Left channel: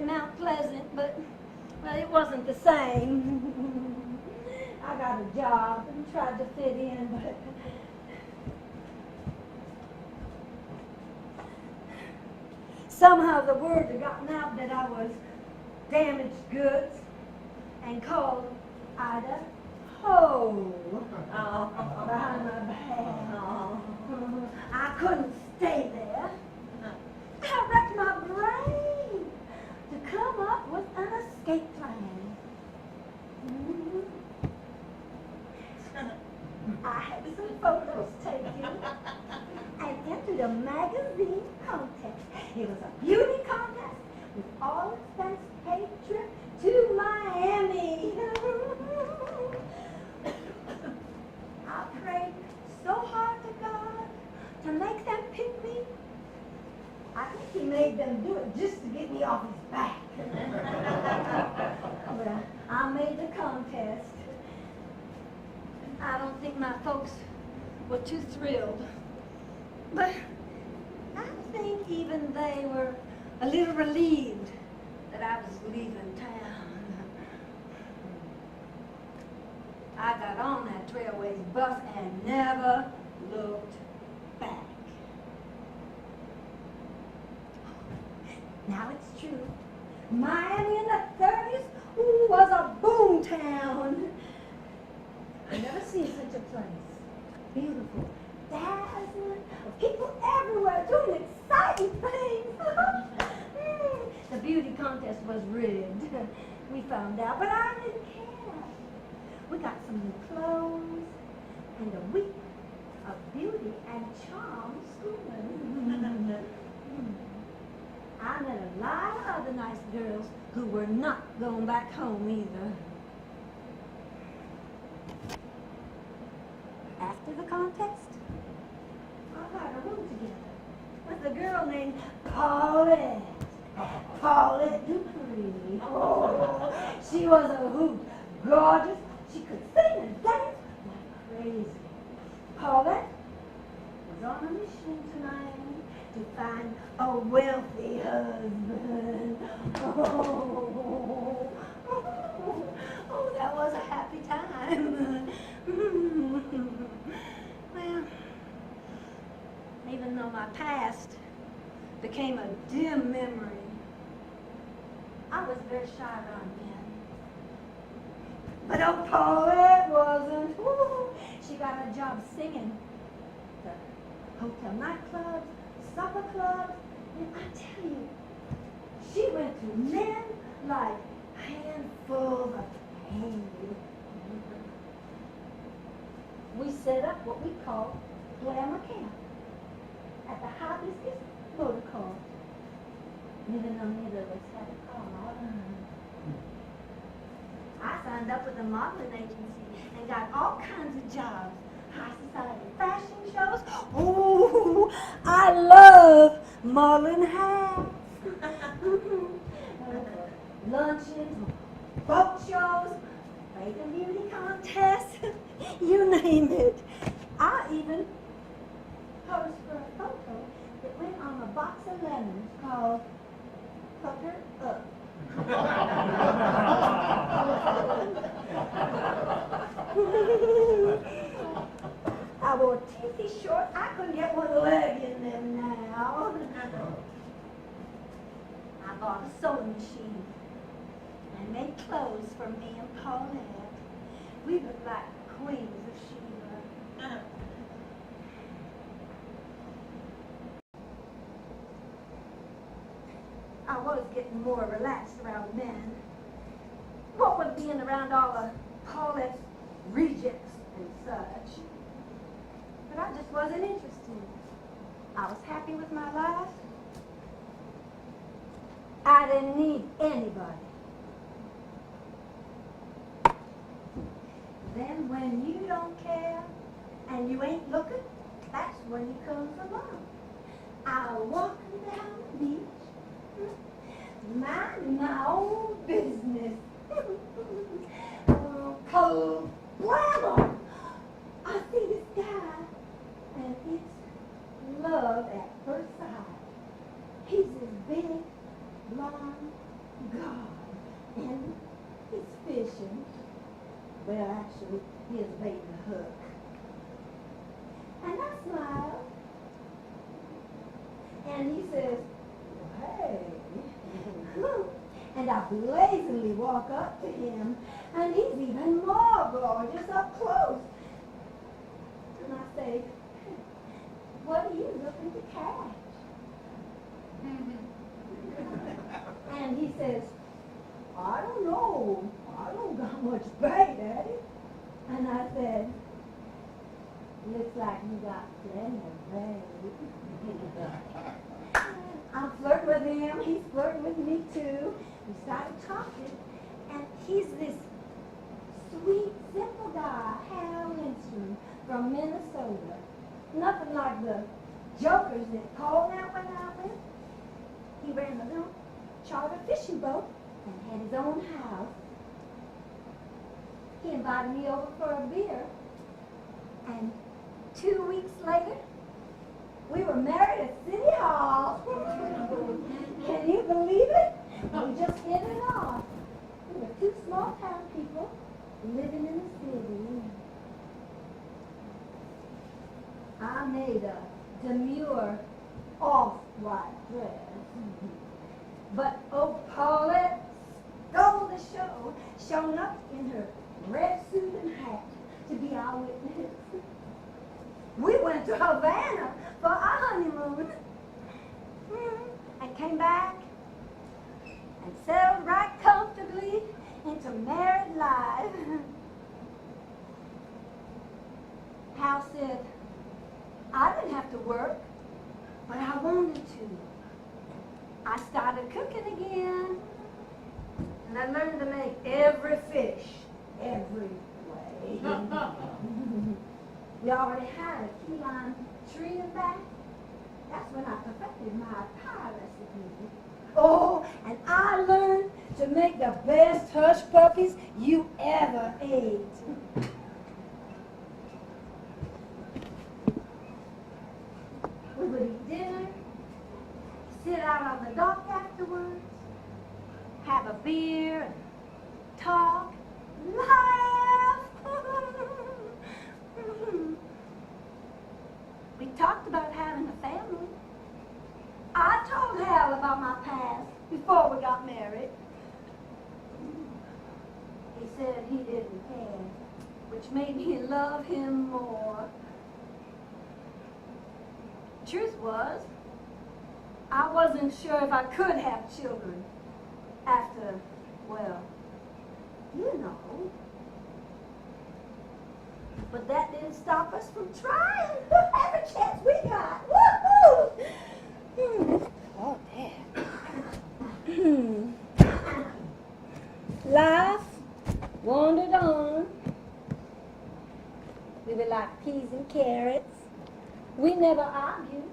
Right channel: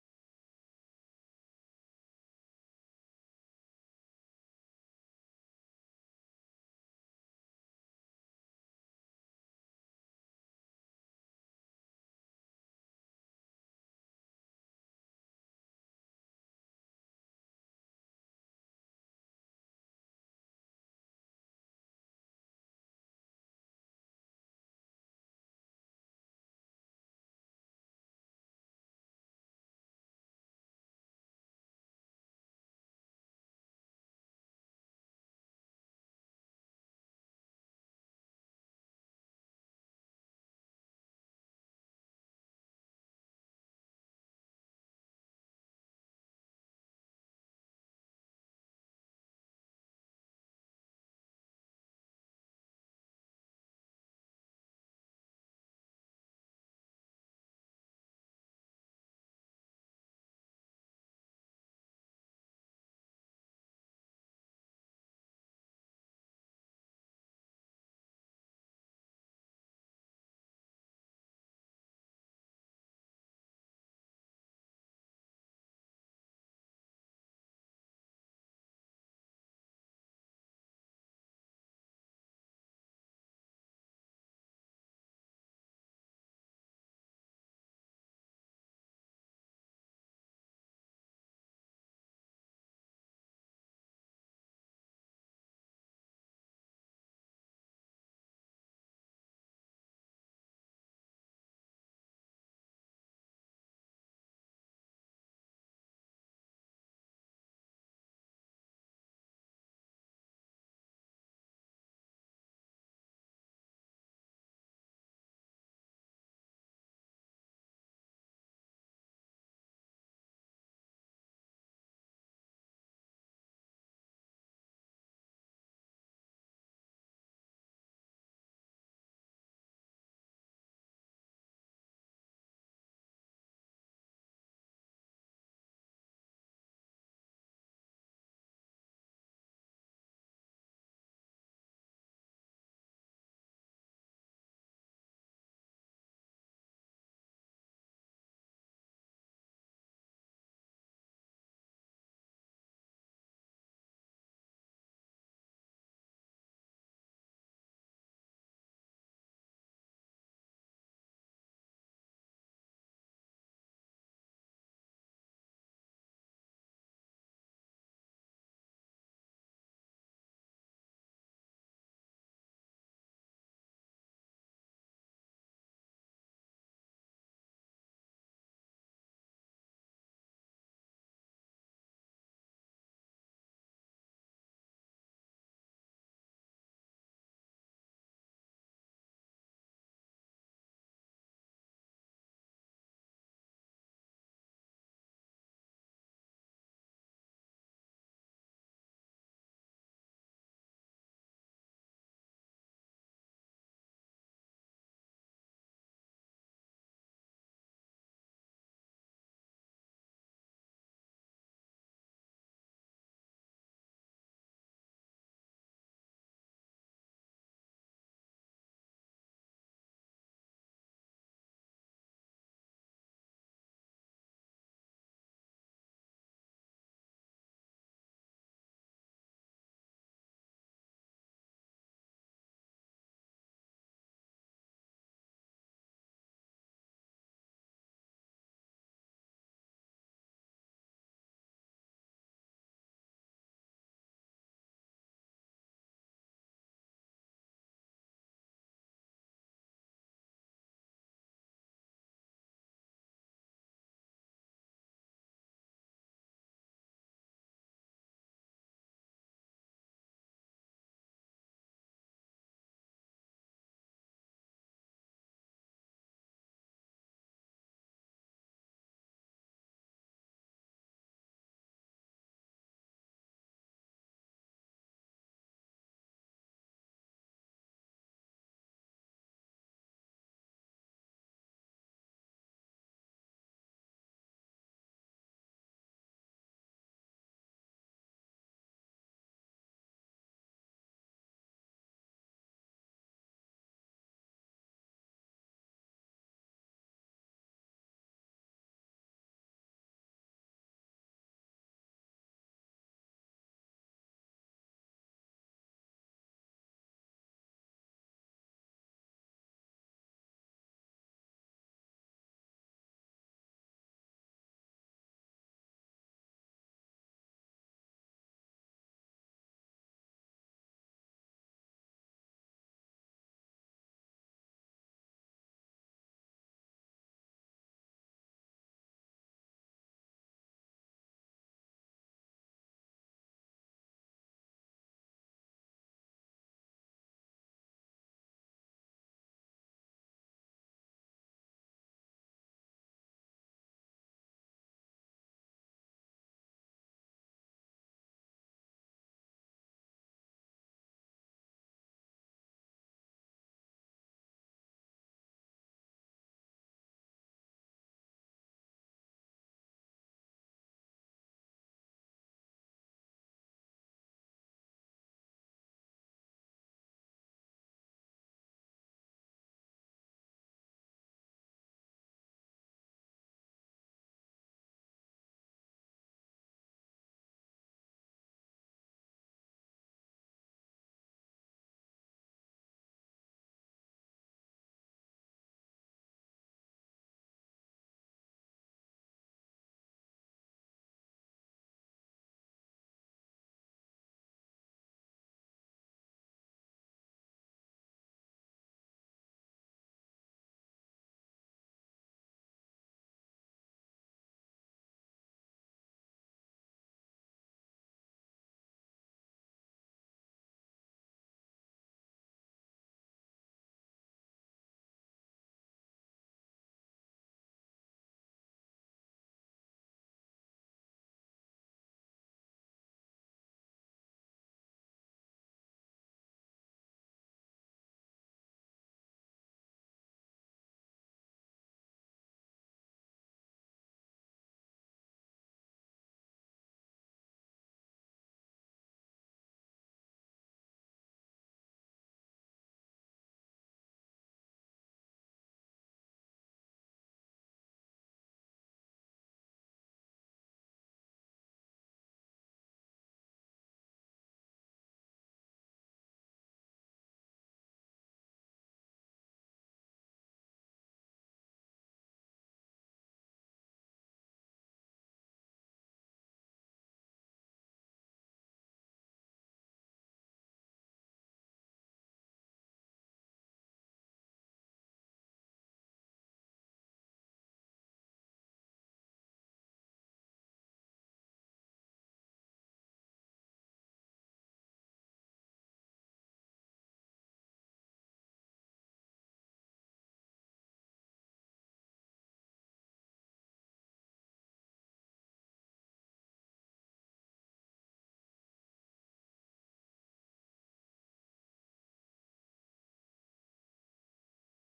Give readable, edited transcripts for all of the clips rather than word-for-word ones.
to Mount Pleasant, but, well, it wasn't the same. I got a job and tried to fit in, but somehow the word had gotten out that I was damaged goods and called Ida Ho behind my back. I couldn't stay there. I wrecked my brain to come up with an escape plan. I had some photos taken and entered a magazine contest. It was a beauty contest with all expense paid trip to Miami. I prayed so hard to God to make them pick me. I think he made them do it just to get me off his back. Well, I made the contest. I don't think my folks were too thrilled. But I think even they were a little relieved that I was leaving town. I got on that Trailways bus and never looked back. Now it's true. Miami in the 30s was a boom town. I've never seen such a place. Beautiful, dazzling, people everywhere doing exciting things. The beauty contest was rigged. We found out, but I didn't care. We got some new clothes and a week of beauty and charm schooling. I met a lot of other nice girls who were not going back home either. After the contest, I got a room together with a girl named Paulette. Paulette Dupree. Oh, she was a hoot, gorgeous. She could sing and dance like crazy. Paulette was on a mission tonight to find a wealthy husband. Oh, that was a happy time. Well, even though my past became a dim memory, I was very shy around men. But oh, Paulette wasn't. Ooh, she got a job singing the hotel nightclubs, supper clubs, and I tell you, she went to men like handfuls of hay. We set up what we call glamour camp at the Hibiscus Motor Car. Neither none of us had a car. I signed up with a modeling agency and got all kinds of jobs. High society fashion shows. Ooh, I love modeling hats. Luncheons, boat shows, Bacon beauty contests, you name it. I even posed for a photo that went on a box of lemons called Pucker Up. I wore teethy shorts. I couldn't get one leg in them now. I bought a sewing machine and made clothes for me and Paulette. We looked like queens of Sheba. I was getting more relaxed around men. What with being around all of Paulette's rejects and such. But I just wasn't interested. I was happy with my life. I didn't need anybody. Then when you don't care and you ain't looking, that's when he comes along. I'll walk down the beach, minding my own business. Cold glamour. I see this guy, and it's love at first sight. He's this big, blonde, God. And he's fishing. Well, actually, he is baiting a hook. And I smile. And he says, hey. And I blazingly walk up to him, and he's even more gorgeous up close. And I say, what are you looking to catch? And he says, I don't know. I don't got much bait, Daddy. And I said, looks like you got plenty of bait. I'm flirting with him. He's flirting with me, too. We started talking, and he's this sweet, simple guy, Hal Lindstrom from Minnesota. Nothing like the jokers that Paul now went out with. He ran a little charter fishing boat and had his own house. He invited me over for a beer, and 2 weeks later, we were married at City Hall. Can you believe it? We just hit it off. We were two small town people living in the city. I made a demure off-white dress. But old Paulette stole the show, showing up in her red suit and hat to be our witness. We went to Havana for our honeymoon and came back and settled right comfortably into married life. Hal said, I didn't have to work, but I wanted to. I started cooking again, and I learned to make every fish, every way. We already had a key lime tree in back. That's when I perfected my pie recipe. Oh, and I learned to make the best hush puppies you ever ate. We would eat dinner, sit out on the dock afterwards, have a beer, and talk, laugh. We talked about having a family. I told Hal about my past before we got married. He said he didn't care, which made me love him more. Truth was, I wasn't sure if I could have children after, well, you know. But that didn't stop us from trying every chance we got. Woo-hoo! Oh, Dad. Life wandered on. We were like peas and carrots. We never argued.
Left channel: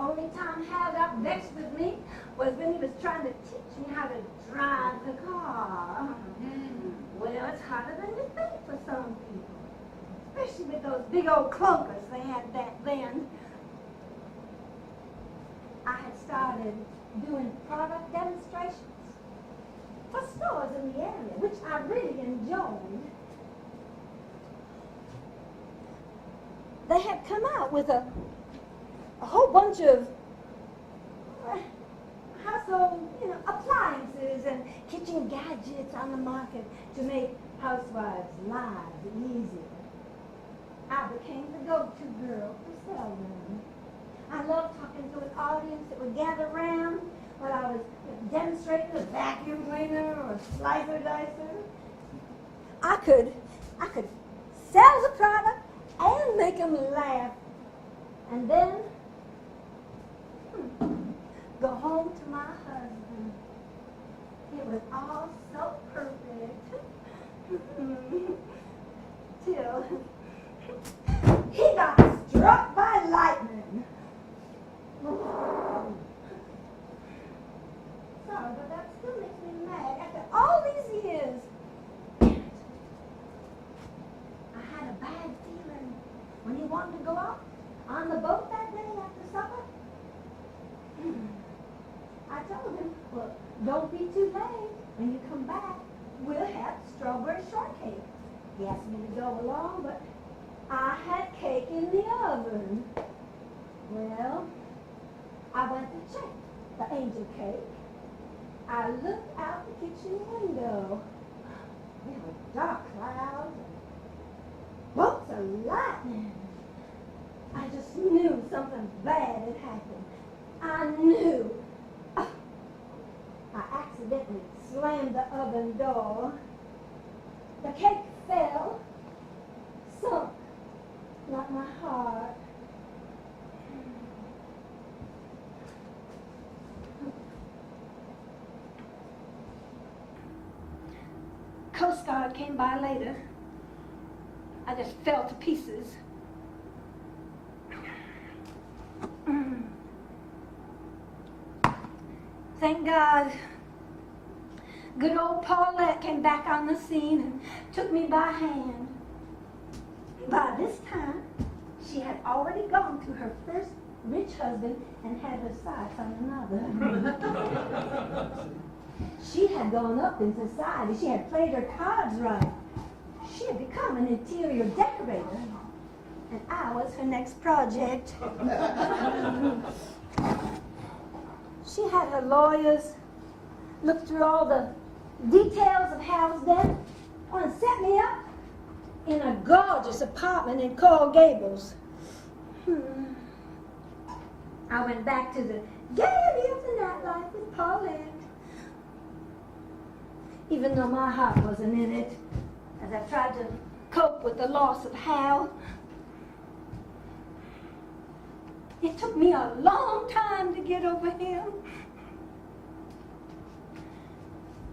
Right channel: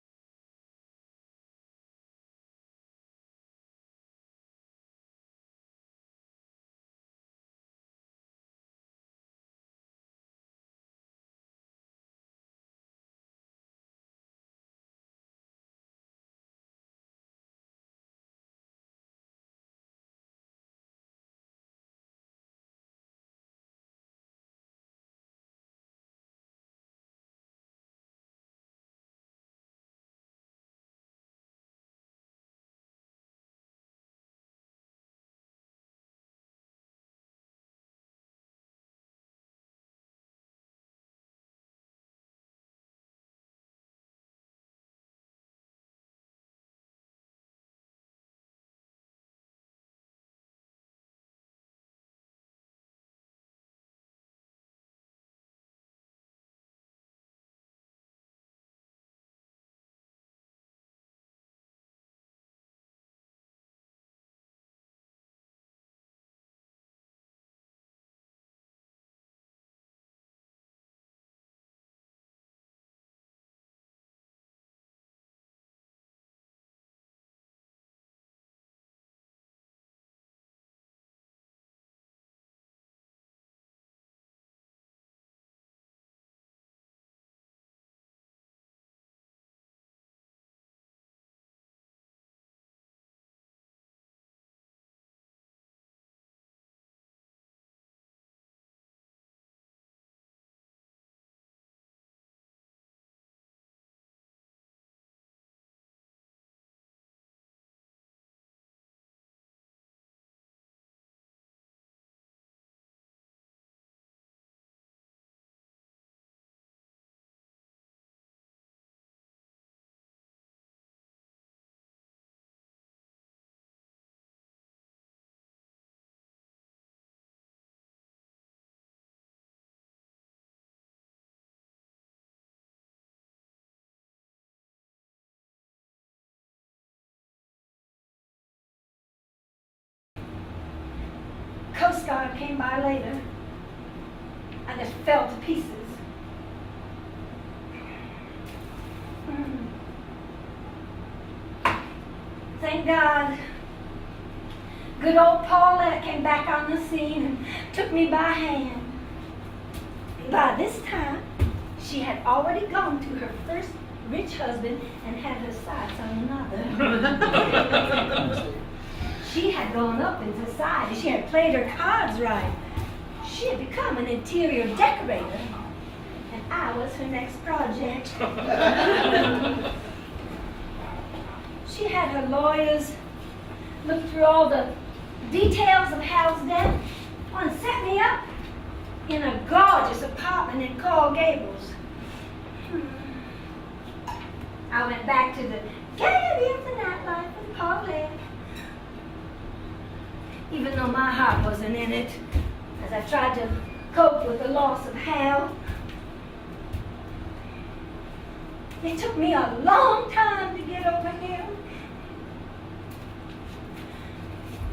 Only time Hal got vexed with me was when he was trying to teach me how to drive the car. Well, it's harder than you think for some people, especially with those big old clunkers they had back then. I had started doing product demonstrations for stores in the area, which I really enjoyed. They had come out with a whole bunch of household, appliances and kitchen gadgets on the market to make housewives' lives easier. I became the go-to girl to sell them. I loved talking to an audience that would gather around while I was demonstrating a vacuum cleaner or a slicer dicer. I could sell the product and make them laugh, and then go home to my husband. It was all so perfect. Till he got struck by lightning. Sorry, but that still makes me mad. After all these years, I had a bad feeling when he wanted to go out on the boat that day after supper. I told him, well, don't be too late. When you come back, we'll have strawberry shortcake. He asked me to go along, but I had cake in the oven. Well, I went to check the angel cake. I looked out the kitchen window. There were dark clouds and bolts of lightning. I just knew something bad had happened. I knew. I accidentally slammed the oven door. The cake fell, sunk, like my heart. Coast Guard came by later. I just fell to pieces. Thank God. Good old Paulette came back on the scene and took me by hand. By this time, she had already gone to her first rich husband and had her sights on another. She had gone up in society. She had played her cards right. She had become an interior decorator. And I was her next project. She had her lawyers look through all the details of Hal's death and set me up in a gorgeous apartment in Coral Gables. I went back to the gaiety of the nightlife with Paulette. Even though my heart wasn't in it, as I tried to cope with the loss of Hal. It took me a long time to get over him.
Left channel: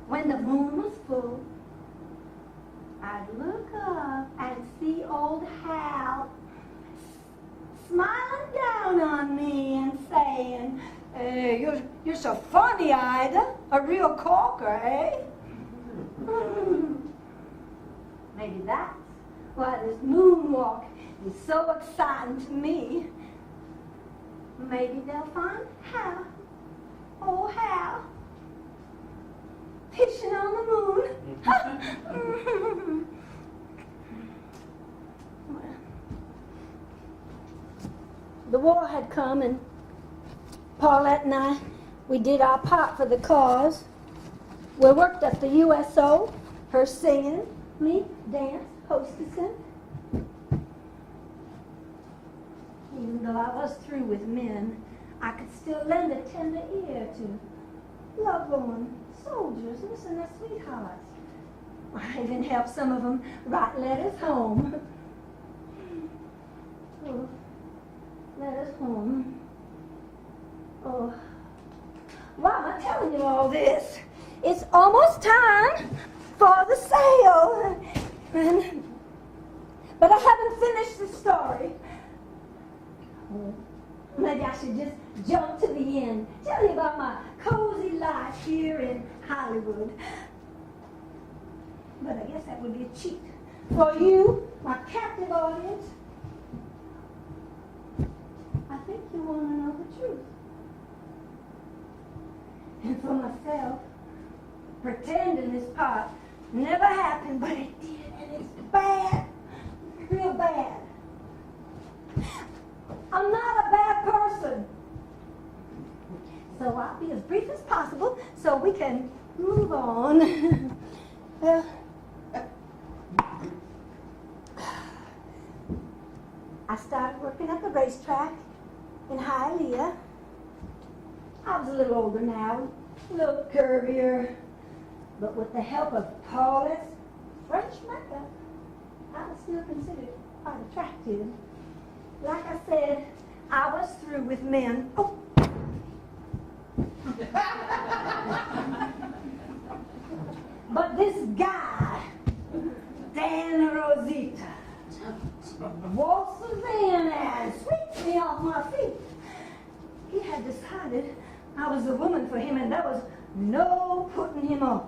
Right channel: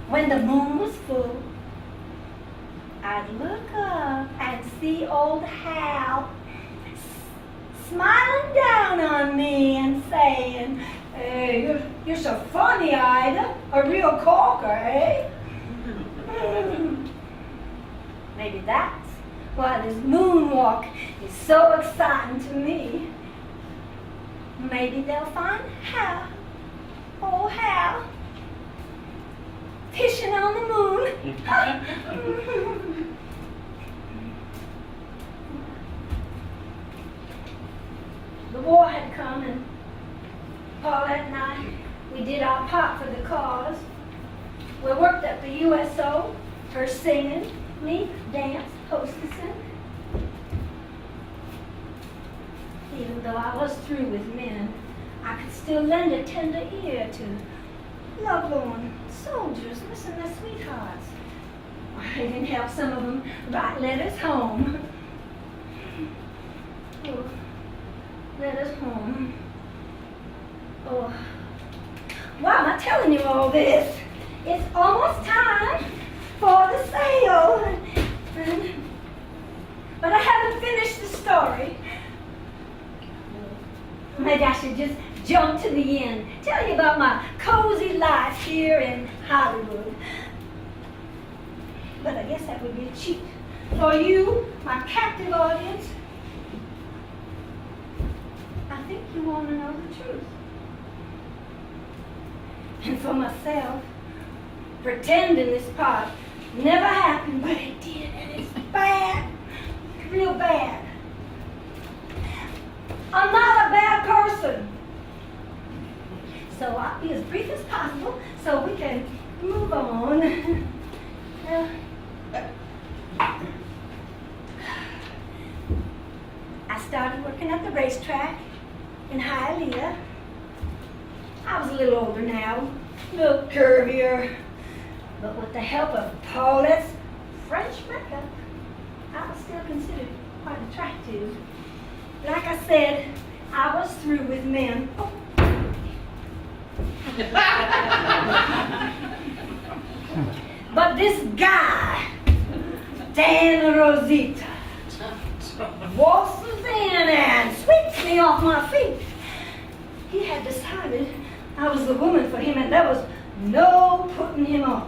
When the moon was full, I'd look up and see old Hal smiling down on me and saying, "Hey, you're so funny, Ida. A real corker, eh?" Maybe that's why this moonwalk is so exciting to me. Maybe they'll find Hal, oh Hal, fishing on the moon. The war had come, and Paulette and I, we did our part for the cause. We worked at the USO, her singing, me dance, hostessing. Even though I was through with men, I could still lend a tender ear to loved ones, soldiers, missing their sweethearts. I even helped some of them write letters home. Oh, letters home. Oh, why am I telling you all this? It's almost time for the sale. But I haven't finished the story. Maybe I should just jump to the end, tell you about my cozy life here in Hollywood. But I guess that would be a cheat for you, my captive audience. I think you want to know the truth. And for myself, pretending this part never happened, but it did, and it's bad, real bad. I'm not a bad person. So I'll be as brief as possible so we can move on. Well, I started working at the racetrack in Hialeah. I was a little older now, a little curvier, but with the help of Paulette's French makeup, I was still considered quite attractive. Like I said, I was through with men. Oh. But this guy, Dan Rosita, waltzes in and sweeps me off my feet. He had decided I was the woman for him, and there was no putting him off.